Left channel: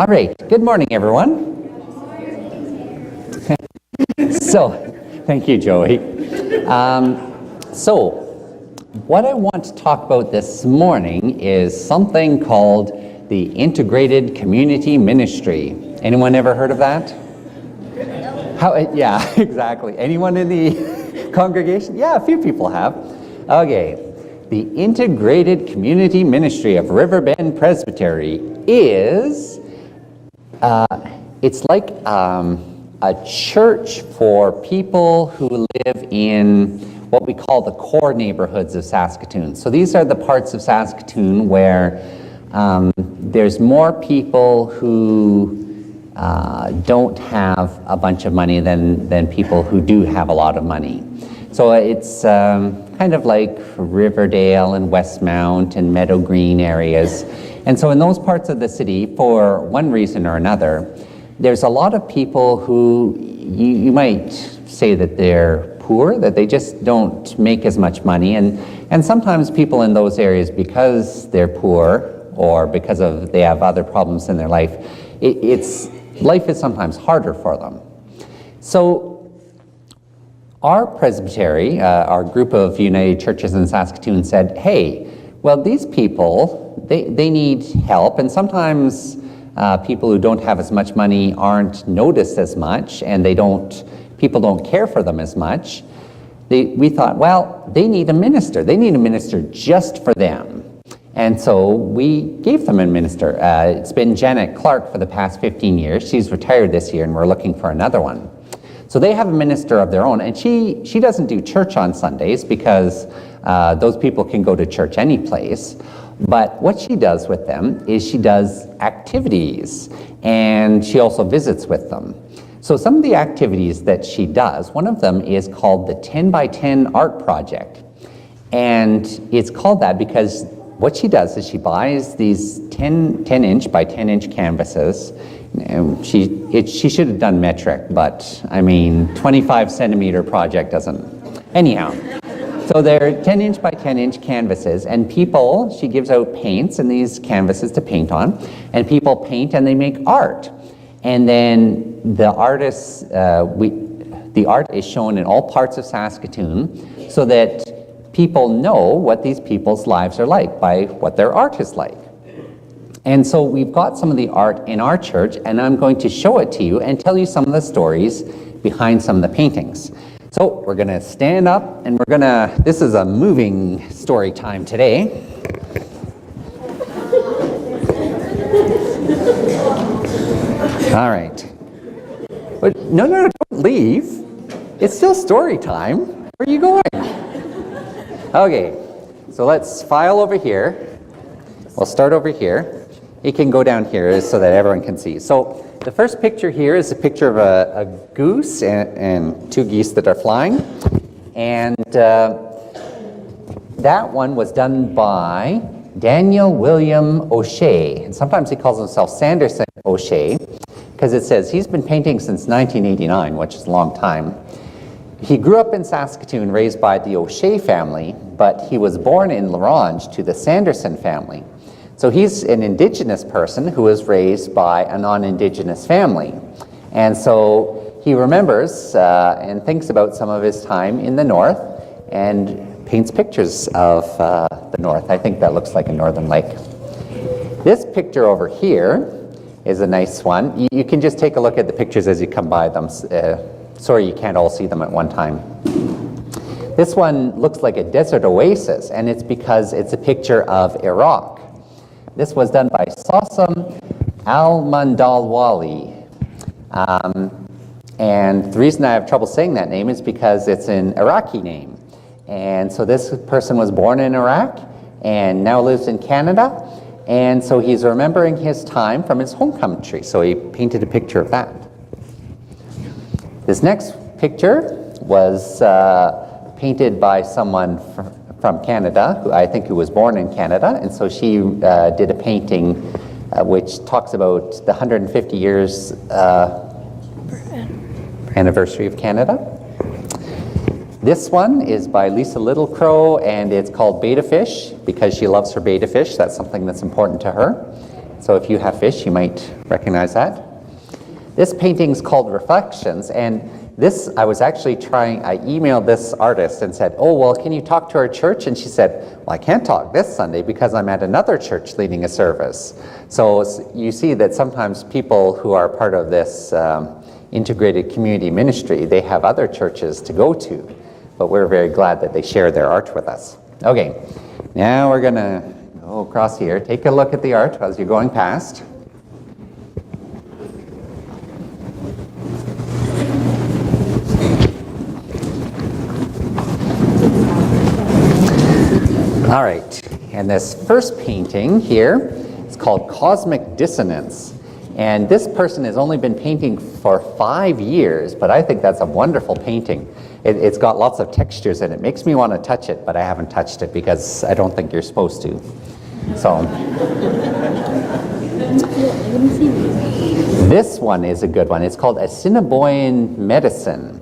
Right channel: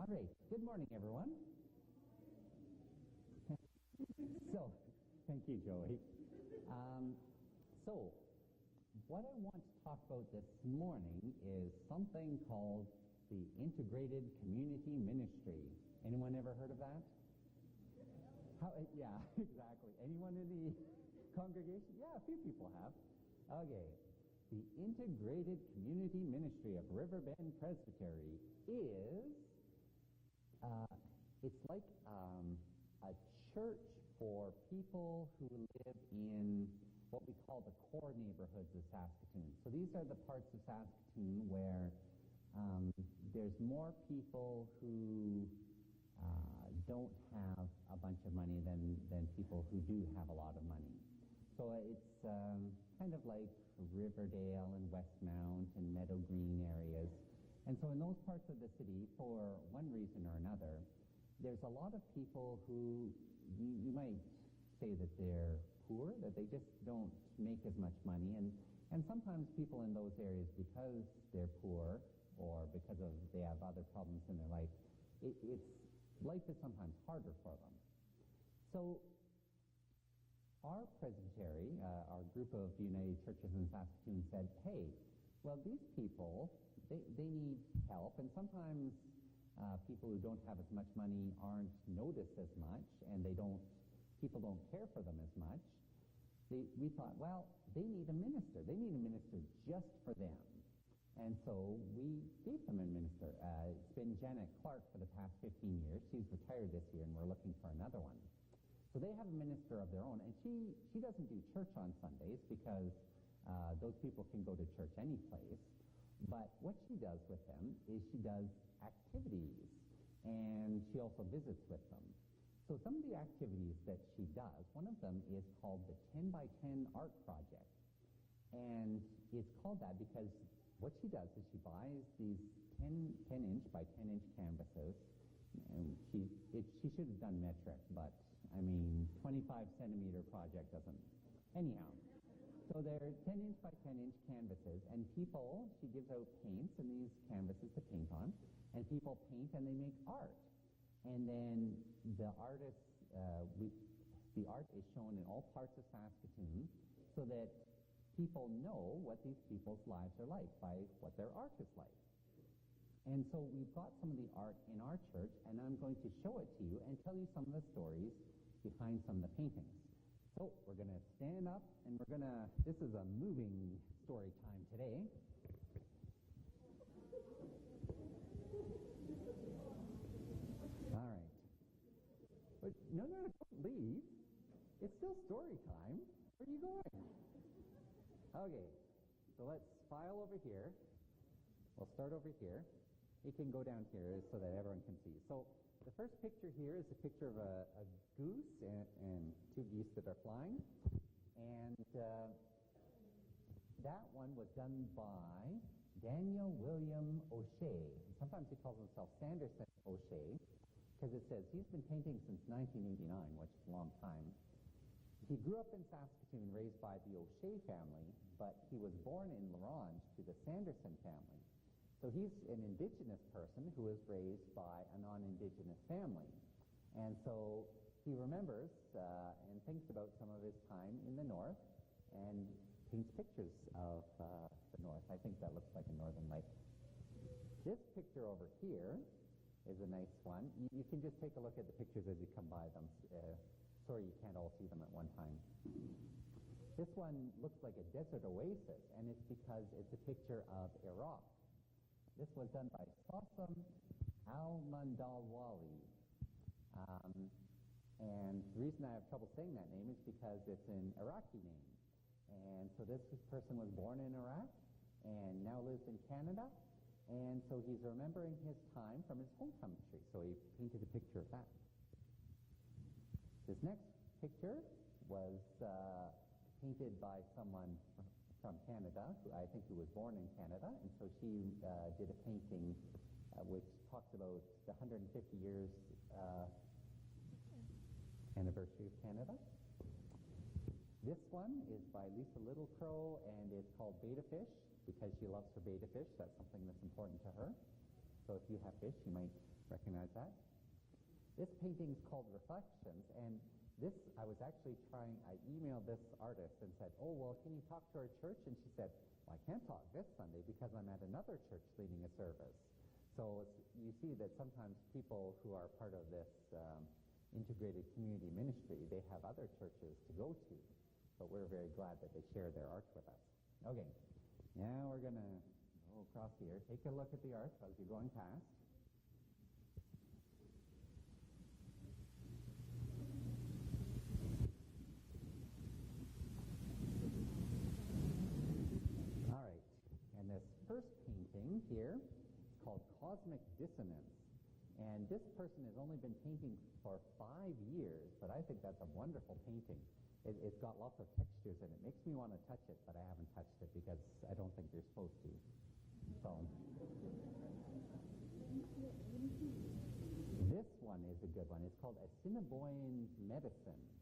All right, good morning, everyone. So, thank you, Joey. So, what I want to talk about this morning is something called the Integrated Community Ministry. Anyone ever heard of that? Yeah, exactly. Anyone in the congregation? Yeah, a few people have. Okay. The Integrated Community Ministry of Riverbend Presbytery is, it's like a church for people who live in what we call the core neighborhoods of Saskatoon. So these are the parts of Saskatoon where there's more people who don't have a bunch of money than people who do have a lot of money. So it's kind of like Riverdale and Westmount and Meadow Green areas. And so in those parts of the city, for one reason or another, there's a lot of people who you might say that they're poor, that they just don't make as much money. And sometimes people in those areas, because they're poor or because they have other problems in their life, life is sometimes harder for them. So our presbytery, our group of United Churches in Saskatoon said, hey, well, these people, they need help, and sometimes people who don't have as much money aren't noticed as much, and people don't care for them as much. We thought, well, they need a minister. They need a minister just for them. And so we gave them a minister. It's been Janet Clark for the past 15 years. She's retired this year, and we're looking for another one. So they have a minister of their own, and she doesn't do church on Sundays because those people can go to church any place. But what she does with them is she does activities, and she also visits with them. So some of the activities that she does, one of them is called the 10 by 10 art project. And it's called that because what she does is she buys these 10-inch by 10-inch canvases. She should have done metric, but I mean, 25-centimeter project doesn't. Anyhow, so they're 10-inch by 10-inch canvases, and she gives out paints and these canvases to paint on, and people paint and they make art. And then the art is shown in all parts of Saskatoon so that people know what these people's lives are like by what their art is like. And so we've got some of the art in our church, and I'm going to show it to you and tell you some of the stories behind some of the paintings. So we're going to stand up, and this is a moving story time today. All right. But no, don't leave. It's still story time. Where are you going? Okay, so let's file over here. We'll start over here. You can go down here so that everyone can see. So the first picture here is a picture of a goose and two geese that are flying. And that one was done by Daniel William O'Shea. And sometimes he calls himself Sanderson O'Shea because it says he's been painting since 1989, which is a long time. He grew up in Saskatoon, raised by the O'Shea family, but he was born in La Ronge to the Sanderson family. So he's an Indigenous person who was raised by a non-Indigenous family. And so he remembers and thinks about some of his time in the North and paints pictures of the North. I think that looks like a northern lake. This picture over here is a nice one. You can just take a look at the pictures as you come by them. Sorry, you can't all see them at one time. This one looks like a desert oasis, and it's because it's a picture of Iraq. This was done by Sassam Al-Mandalwali. And the reason I have trouble saying that name is because it's an Iraqi name. And so this person was born in Iraq and now lives in Canada. And so he's remembering his time from his home country. So he painted a picture of that. This next picture was painted by someone from Canada, who was born in Canada, and so she did a painting which talks about the 150 years anniversary of Canada. This one is by Lisa Littlecrow, and it's called Betta Fish because she loves her betta fish. That's something that's important to her. So if you have fish, you might recognize that. This painting is called Reflections, and this, I was actually I emailed this artist and said, oh, well, can you talk to our church? And she said, well, I can't talk this Sunday because I'm at another church leading a service. So you see that sometimes people who are part of this integrated community ministry, they have other churches to go to, but we're very glad that they share their art with us. Okay, now we're gonna go across here. Take a look at the art as you're going past. All right, and this first painting here is called Cosmic Dissonance. And this person has only been painting for 5 years, but I think that's a wonderful painting. It's got lots of textures in it. It makes me want to touch it, but I haven't touched it because I don't think you're supposed to. So, this one is a good one. It's called Assiniboine Medicine.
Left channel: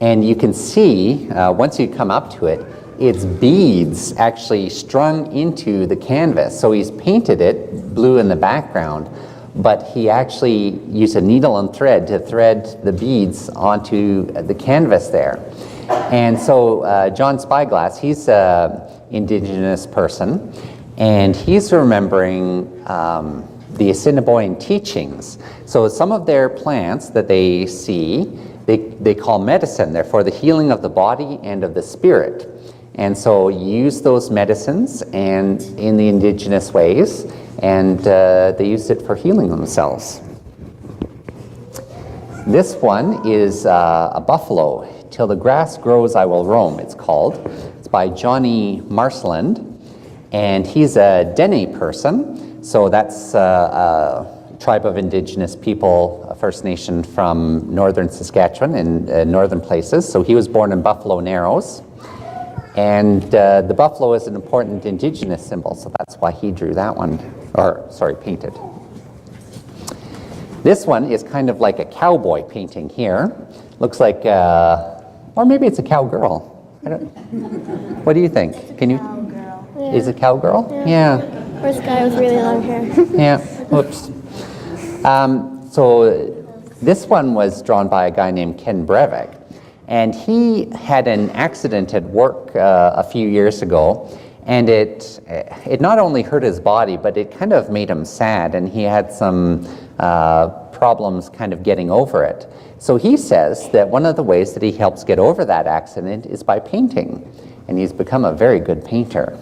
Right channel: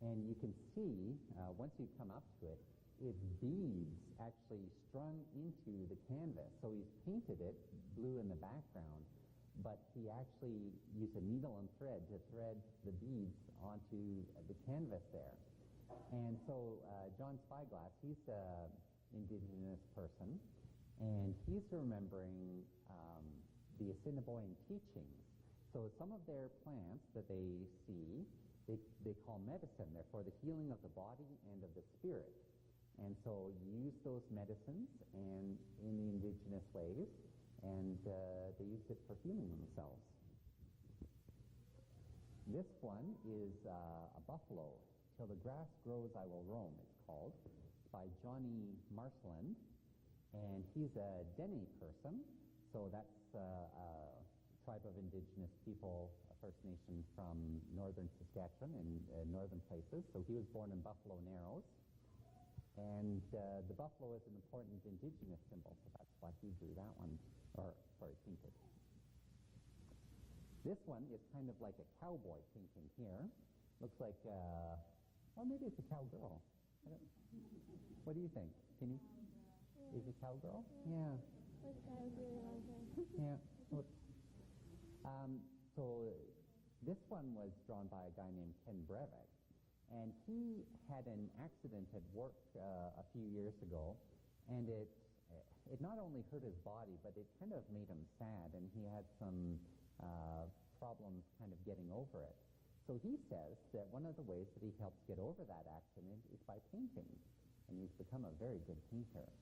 And you can see, once you come up to it, it's beads actually strung into the canvas. So he's painted it blue in the background, but he actually used a needle and thread to thread the beads onto the canvas there. And so John Spyglass, he's an Indigenous person, and he's remembering the Assiniboine teachings. So some of their plants that they see, they call medicine. They're for the healing of the body and of the spirit. And so use those medicines and in the Indigenous ways, and they used it for healing themselves. This one is a buffalo. Till the grass grows, I will roam, it's called. It's by Johnny Marsland, and he's a Dene person. So that's a tribe of Indigenous people, a First Nation from northern Saskatchewan and northern places. So he was born in Buffalo Narrows. And the buffalo is an important Indigenous symbol, so that's why he drew that one, painted. This one is kind of like a cowboy painting here. Looks like, or maybe it's a cowgirl. What do you think? Can you? Cowgirl. Is it cowgirl? Yeah. Or this guy with really long hair. Yeah, whoops. So this one was drawn by a guy named Ken Breivik. And he had an accident at work a few years ago, and it not only hurt his body, but it kind of made him sad, and he had some problems kind of getting over it. So he says that one of the ways that he helps get over that accident is by painting, and he's become a very good painter,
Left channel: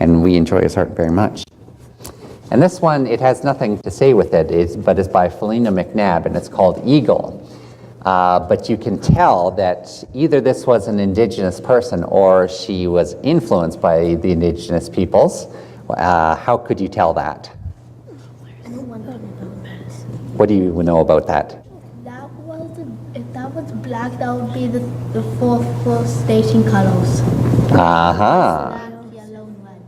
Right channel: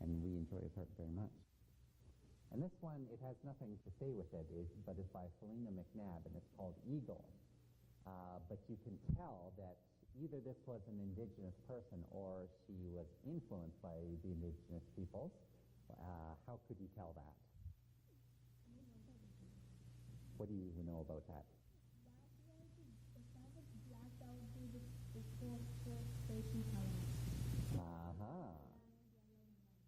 and we enjoy his art very much. And this one, it has nothing to say with it, but it's by Felina McNabb, and it's called Eagle. But you can tell that either this was an Indigenous person or she was influenced by the Indigenous peoples. How could you tell that? What do you know about that? If that was black, that would be the four station colors. Uh-huh. Black, yellow, and red.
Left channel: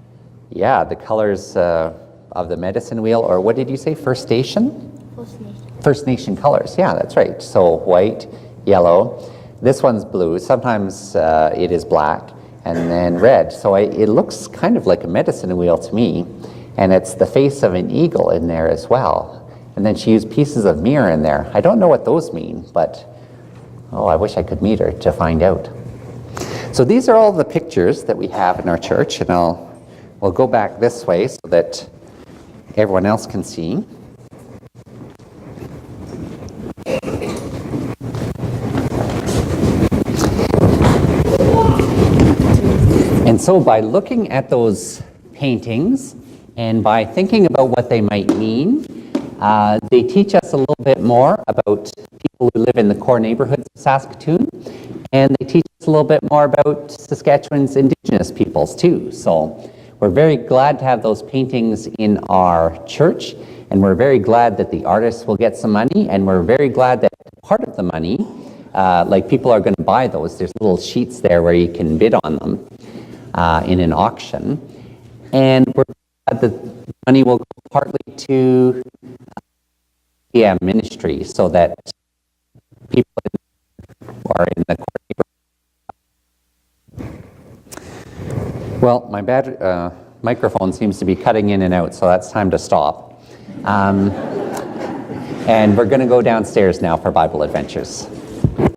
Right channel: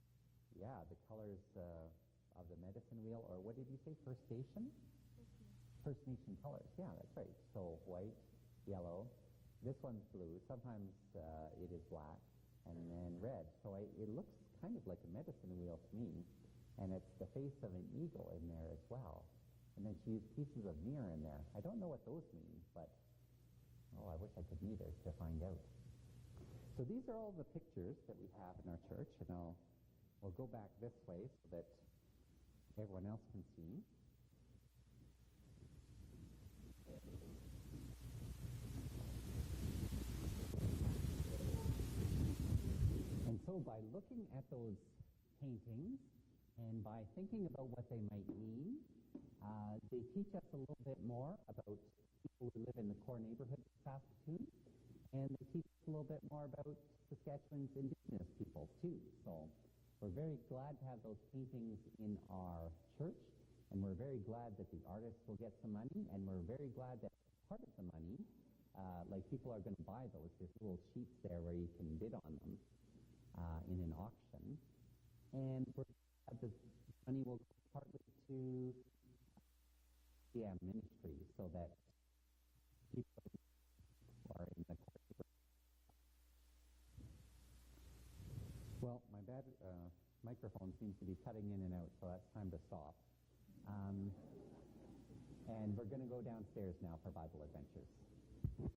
Yeah, the colors of the medicine wheel, or what did you say, First Station? First Nation. First Nation colors, yeah, that's right. So white, yellow. This one's blue. Sometimes it is black, and then red. So it looks kind of like a medicine wheel to me, and it's the face of an eagle in there as well. And then she used pieces of mirror in there. I don't know what those mean, but I wish I could meet her to find out. So these are all the pictures that we have in our church, and we'll go back this way so that everyone else can see. And so by looking at those paintings and by thinking about what they might mean, they teach us a little bit more about people who live in the core neighborhoods of Saskatoon, and they teach us a little bit more about Saskatchewan's Indigenous peoples too. So we're very glad to have those paintings in our church, and we're very glad that the artists will get some money, and we're very glad that part of the money, like people are going to buy those. There's little sheets there where you can bid on them in an auction, and we're glad that the money will go partly to ministry, so that people who are in the core. Well, my microphone seems to be cutting in and out, so that's time to stop. And we're going to go downstairs now for Bible Adventures.